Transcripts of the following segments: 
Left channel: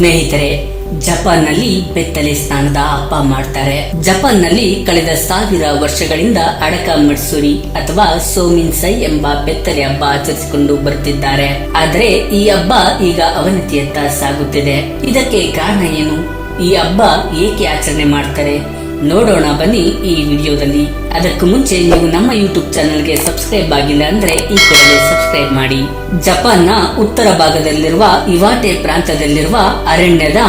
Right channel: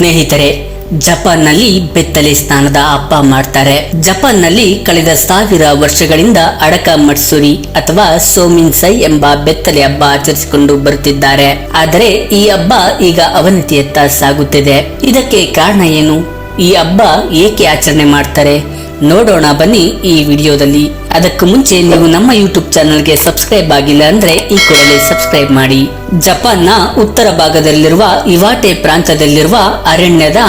ಸ್ನೇಹಿತರೆ ಜಪಾನ್ನಲ್ಲಿ ಬೆತ್ತಲೆ ಸ್ನಾನದ ಹಬ್ಬ ಮಾಡ್ತಾರೆ. ಜಪಾನ್ನಲ್ಲಿ ಕಳೆದ ಸಾವಿರ ವರ್ಷಗಳಿಂದ ಅಡಕ ಮಟ್ಸುರಿ ಅಥವಾ ಸೋಮಿನ್ಸೈ ಎಂಬ ಬೆತ್ತಲೆ ಹಬ್ಬ ಆಚರಿಸಿಕೊಂಡು ಬರುತ್ತಿದ್ದಾರೆ. ಆದರೆ ಈ ಹಬ್ಬ ಈಗ ಅವನತಿಯತ್ತ ಸಾಗುತ್ತಿದೆ. ಇದಕ್ಕೆ ಕಾರಣ ಏನು? ಈ ಹಬ್ಬ ಏಕೆ ಆಚರಣೆ ಮಾಡ್ತಾರೆ? ನೋಡೋಣ ಬನ್ನಿ ಈ ವಿಡಿಯೋದಲ್ಲಿ. ಅದಕ್ಕೂ ಮುಂಚೆ ನೀವು ನಮ್ಮ ಯೂಟ್ಯೂಬ್ ಚಾನೆಲ್ಗೆ ಸಬ್ಸ್ಕ್ರೈಬ್ ಆಗಿಲ್ಲ ಅಂದ್ರೆ ಈ ಕೂಡಲೇ ಸಬ್ಸ್ಕ್ರೈಬ್ ಮಾಡಿ. ಜಪಾನ್ನ ಉತ್ತರ ಭಾಗದಲ್ಲಿರುವ ಇವಾಟೆ ಪ್ರಾಂತ್ಯದಲ್ಲಿರುವ ಅರಣ್ಯದ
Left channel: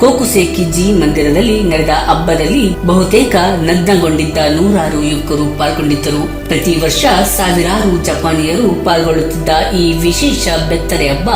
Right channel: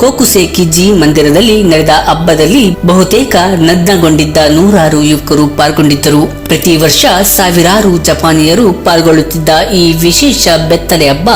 ಕೋಕುಸೇಕಿಜಿ ಮಂದಿರದಲ್ಲಿ ನಡೆದ ಹಬ್ಬದಲ್ಲಿ ಬಹುತೇಕ ನಗ್ನಗೊಂಡಿದ್ದ ನೂರಾರು ಯುವಕರು ಪಾಲ್ಗೊಂಡಿದ್ದರು. ಪ್ರತಿ ವರ್ಷ ಸಾವಿರಾರು ಜಪಾನಿಯರು ಪಾಲ್ಗೊಳ್ಳುತ್ತಿದ್ದ ಈ ವಿಶೇಷ ಬೆತ್ತಲೆ ಹಬ್ಬ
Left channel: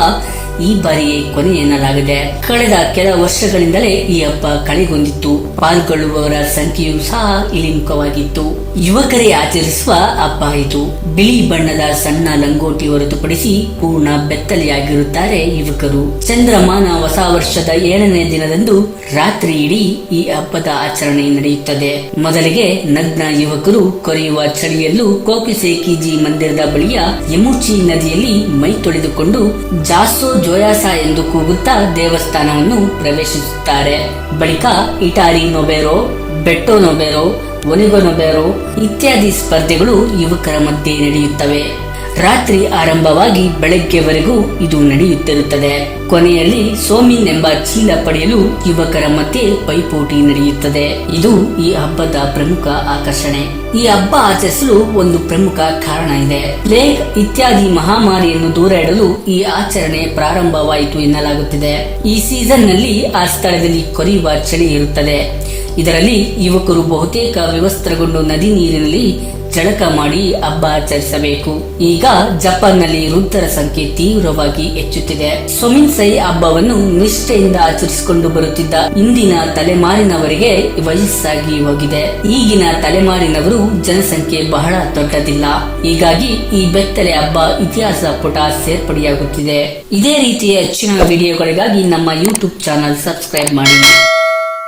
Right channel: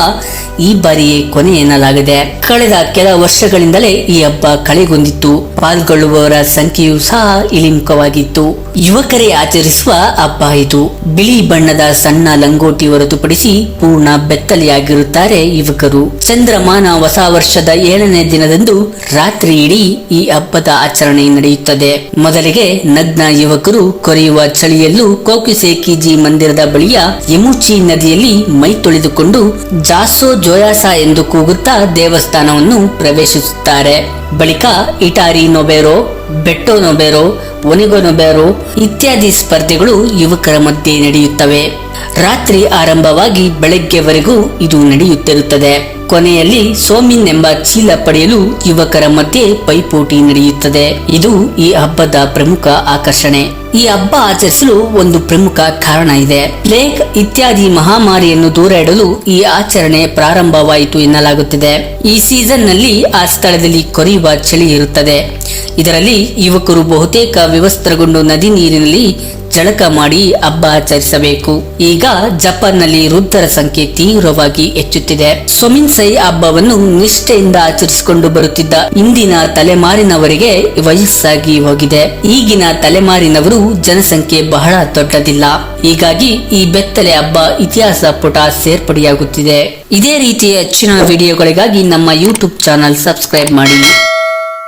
ಈ ಬಾರಿ ಕೊನೆ ಎನ್ನಲಾಗಿದೆ ಕಳೆದ ಕೆಲ ವರ್ಷಗಳಿಂದಲೇ ಈ ಹಬ್ಬ ಕಳೆಗೊಂಡಿತ್ತು. ಪಾಲ್ಗೊಳ್ಳುವವರ ಸಂಖ್ಯೆಯೂ ಸಹ ಇಳಿಮುಖವಾಗಿತ್ತು. ಯುವಕರೇ ಆಚರಿಸುವ ಹಬ್ಬ ಇದು. ಬಿಳಿ ಬಣ್ಣದ ಸಣ್ಣ ಲಂಗೋಟಿ ಹೊರತುಪಡಿಸಿ ಪೂರ್ಣ ಬೆತ್ತಲೆಯಾಗಿರುತ್ತಾರೆ ಯುವಕರು. ಚಂದ್ರಮಾನ ಹೊಸ ವರ್ಷದ ಏಳನೇ ದಿನದಂದು ರಾತ್ರಿ ಇಡೀ ಈ ಹಬ್ಬದ ಆಚರಣೆ ನಡೆಯುತ್ತದೆ. ಮೊದಲಿಗೆ ನಗ್ನ ಯುವಕರು ಕೊರೆಯುವ ಚಳಿಯಲ್ಲೂ ಕೋಕಿಸೇಕಿಜಿ ಮಂದಿರದ ಬಳಿಯ ಯಮುಚಿ ನದಿಯಲ್ಲಿ ಮೈ ತೊಳೆದುಕೊಂಡು ಜಾಸೋ ಜೋಯಾಸ ಎಂದು ಕೂಗುತ್ತಾ ದೇವಸ್ಥಾನವನ್ನು ಪ್ರವೇಶಿಸುತ್ತಾರೆ. ಬಳಿಕ ಇಟಾರಿ ನೊಬೆರೋ ಬೆಟ್ಟೋ ಬೇರು ಒನಿಗನು ನೊಬೆರೋ ಇತ್ಯಾದಿ ಸ್ಪರ್ಧೆಗಳು ಯುವಕರ ಮಧ್ಯೆ ನಡೆಯುತ್ತವೆ. ರಾತ್ರಿ ಆರಂಭವಾಗಿ ಬೆಳಗ್ಗೆವರೆಗೂ ಇದು ನಡೆಯುತ್ತಿರುತ್ತದೆ. ಕೊನೆಯಲ್ಲಿ ಸೋಮಿನ್ ಎಂಬ ಚೀಲ ಪಡೆಯಲು ಯುವಕರ ಮಧ್ಯೆ ಪೈಪೋಟಿ ನಡೆಯುತ್ತದೆ. ಇದು ಈ ಹಬ್ಬದ ಪ್ರಮುಖ ಆಕರ್ಷಣೆ. ಈ ಹಬ್ಬ ಆಚರಿಸಲು ಒಂದು ಪ್ರಮುಖ ಕಾರಣ ಇದೆ. ಪ್ಲೇಗ್ ಇತ್ಯಾದಿ ಮಹಾಮಾರಿಯನ್ನು ದೂರ ಇಡಲು ಈ ಆಚರಣೆ ಪ್ರಾರಂಭವಾಯಿತು ಎನ್ನಲಾಗುತ್ತಿದೆ. ಈ ಸೀಸನ್ನಲ್ಲಿ ಆ ಸ್ಥಳದಲ್ಲಿ ಕೊರೆಯುವ ಚಳಿ ಇರುತ್ತದೆ. ಇದರಲ್ಲಿ ಯುವಕರು ಬಹುತೇಕ ವಿವಸ್ತ್ರಗೊಂಡು ನದಿ ನೀರಿನಲ್ಲಿ ಜಳಕ ಮಾಡಿ ಹಬ್ಬ ಆಚರಿಸಬೇಕು. ಈಗ ಜಪಾನ್ನಲ್ಲಿ ವೃದ್ಧರ ಸಂಖ್ಯೆ ತೀವ್ರವಾಗಿ ಹೆಚ್ಚುತ್ತಿದೆ. ಸುಮಿನ್ಸೈ ಹಬ್ಬವನ್ನು ನಿಷ್ಠೆಯಿಂದ ಆಚರಿಸಿಕೊಂಡು ಬರುತ್ತಿದ್ದ ಇಂದಿನ ತಲೆಮಾರಿನವರಿಗೆ ವಯಸ್ಸಾಗಿ ಹೋಗಿದೆ. ಈಗಿನ ತಲೆಮಾರಿನವರು ಜನಸಂಖ್ಯೆ ಬಹಳ ದೊಡ್ಡದಿಲ್ಲ. ಹೀಗಾಗಿ ಈ ಬೆತ್ತಲೆ ಹಬ್ಬ ಇತಿಹಾಸ ಪುಟ ಸೇರ್ಪಡೆಯಾಗುತ್ತಿದೆ. ಇದೇ ರೀತಿಯ ಹೆಚ್ಚಿನ ವಿಡಿಯೋಗಳಿಗಾಗಿ ನಮ್ಮ ಯೂಟ್ಯೂಬ್ ಚಾನಲ್ ಸಬ್ಸ್ಕ್ರೈಬ್ ಮಾಡಿ.